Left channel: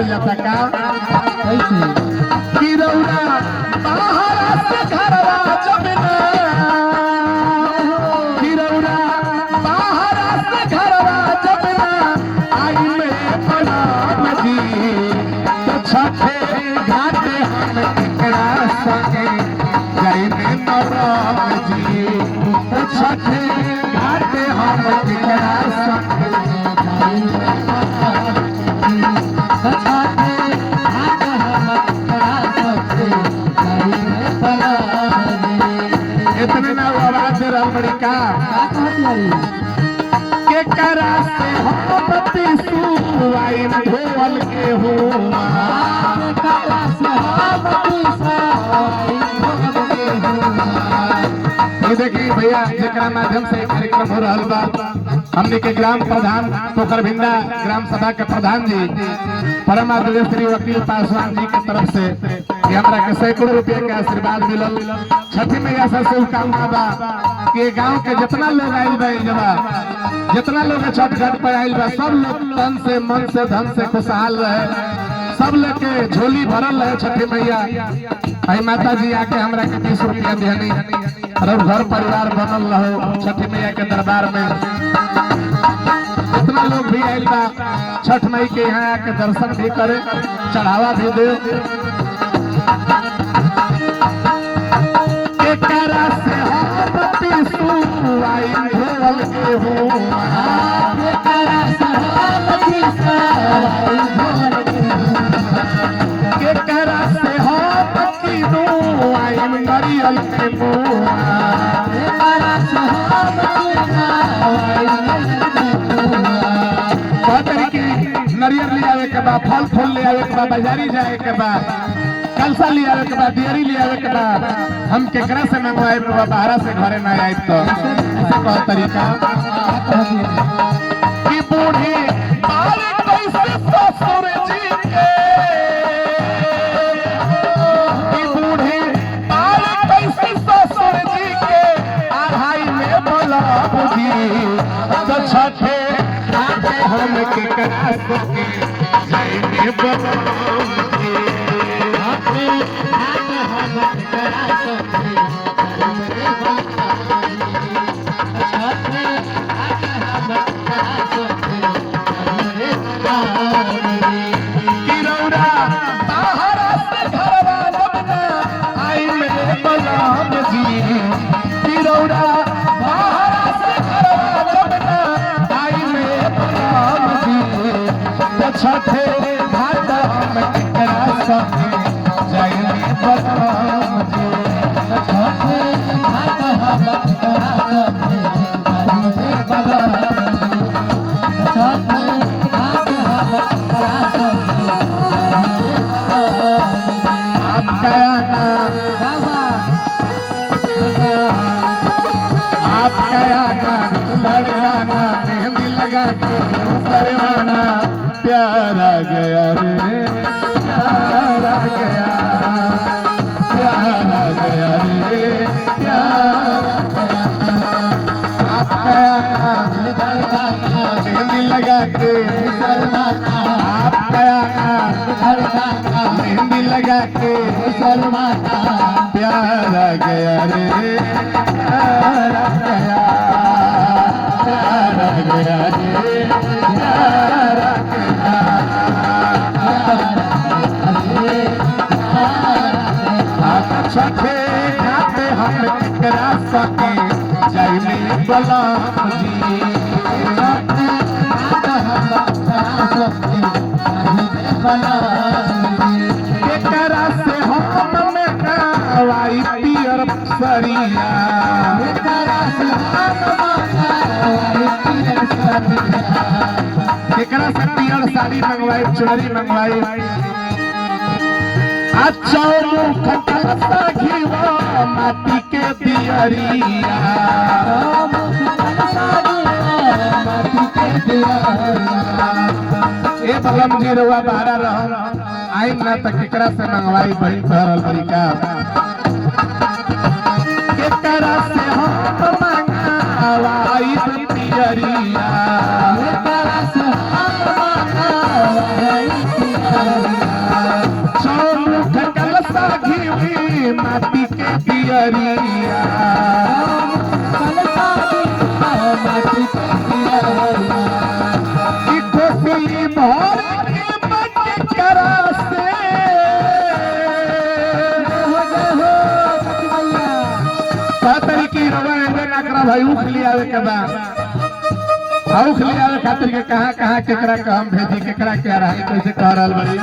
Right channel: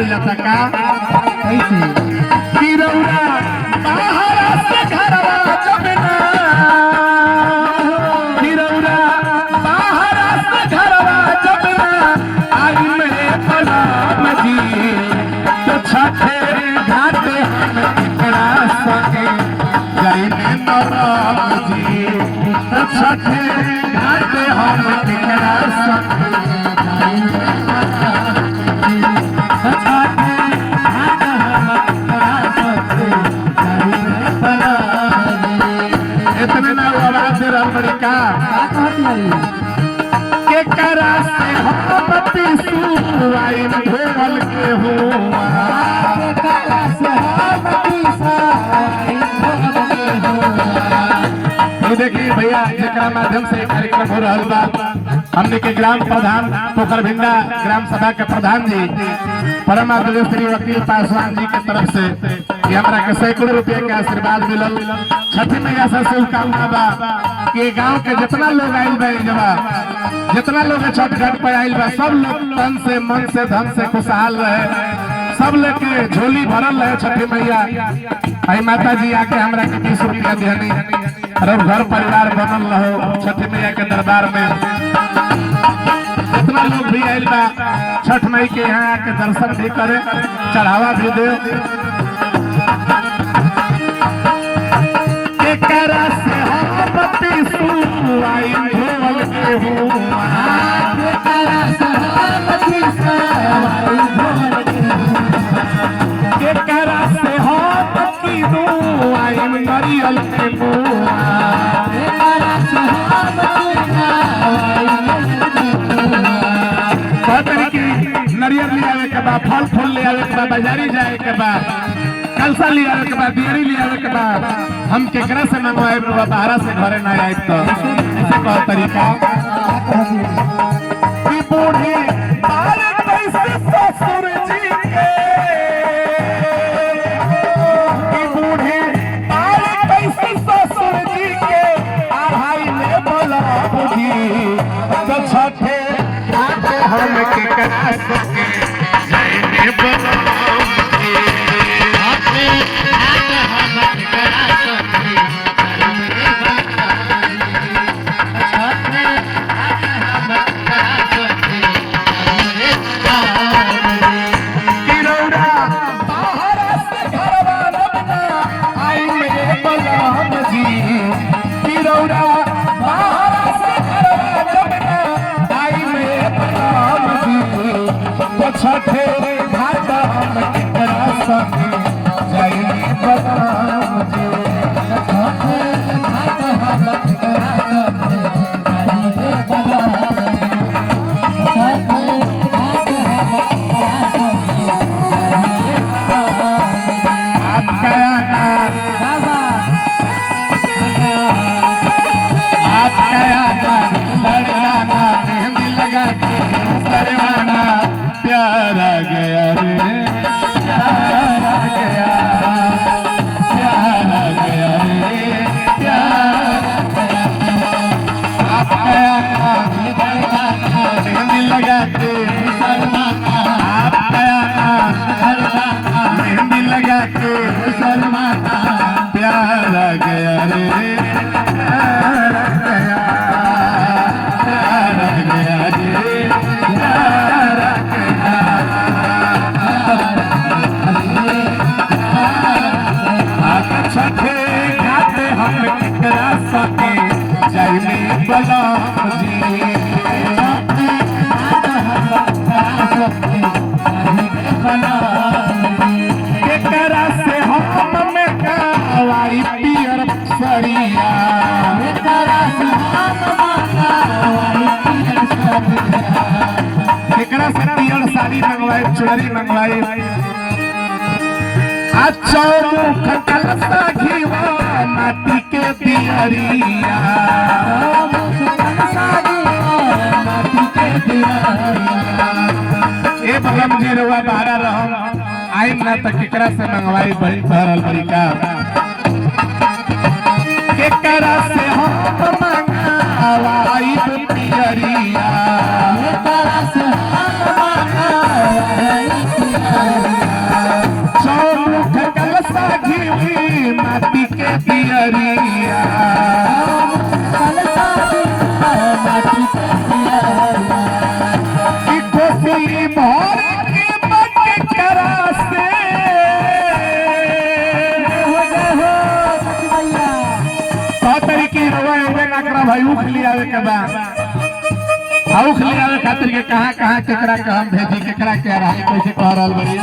गावल जाता का कैसे कि रौरा बाहर से घरवा जब ना कि रौरा बाहर से घरवा जब ना आई मेरे प्रणाम जी तो छठे घाट हम एकरा संगे जाई में नराम जी तो छठे घाट हम एकरा संगे जाई में इतने ना आवाज रमणिका के करा से हम पिसुआई ढोल के हुआ के करा से हम पिसुआई ढोल के हुआ। ये देखिए भैया जेकरा माध्यम से कार्यक्रम हो रहल बा हमने के ग्राम प्रधान पोखरभिंडा ग्राम सभा के प्रधान जी परम आदरणीय श्री वकील पासवान जी के तरफ से हमरा के सैकड़ों रुपये के आशीर्वाद मिलल। छठी मैया से शुभकामना बा कि गांव के जितना लोग आइल बा जब जितना लोग छठ घाट पर आइल बा सब लोग तन से मन से धन से खुशहाल रहे सब लेके झोली भरल रहे। छठी मैया आई माता जी आके हमरा के 20 रुपया दिहनी और घर परिवार बनल रहो छठी मैया के दरबार में। जितना लोग भी आइल बा छठ मई के यहाँ आके दर्शन भी करे चढ़ावा भी दे करा से हम पिसुआई ढोल के हुआ के करा से हम पिसुआई ढोल के हुआ के करा से हम पिसुआई नरियल के हुआ के करा से हम पिसुआई नरियल ले आवे के बाद फल फूल ले आवे के बाद बाजारी जाए के बाद कलसा ले आवे के बाद दियरी ले आवे के बाद हम केकरा से मंगवाए बाहर से घरे ना आए तो ऐसे कहो तरीका कि बूढ़े बाल कैसे ससुर जी के कि बूढ़े बाल कैसे ससुर जी के आढ़ाई में बोला बुझी तो छठे आते हम केकरा के जय में बोला छठे घाट हम केकरा संगे जाई बलराम जी छठे घाट हम केकरा संगे जाई बलराम छठे घाट हम केकरा संगे आपका लड़ाना मेहंदी लगा के सरवाना प्यारा गया रे प्यारा गया प्यारा गया रे प्यारा मेहंदी लगा के मेहंदी लगा के प्यारा गया रे प्यारा गया प्यारा गया रे छठे घाट हम केकरा संगे जाई बलराम जी केकरा से हम में कावाई पियर सरिया केकरा से पियर साड़ी मंगवाई चुनरी मंगवाई चौमुख कलसा घीवा माटी के दियरिया ए बलम जी रवा बारा रहम आई ना त केकरा से मंगवाई बड़ी भरल बड़ीका केकरा से हम मंगवाई पियरिया केकरा से हम मंगवाई पियरिया कि कोसी भर के बट करा से खातिर की रवा नकरा भाई उख लियावे के बाद उख लियावे खातिर के कहां कहां केकरा के हम भेजी केकरा के रहा कैसे कह रहल बड़ी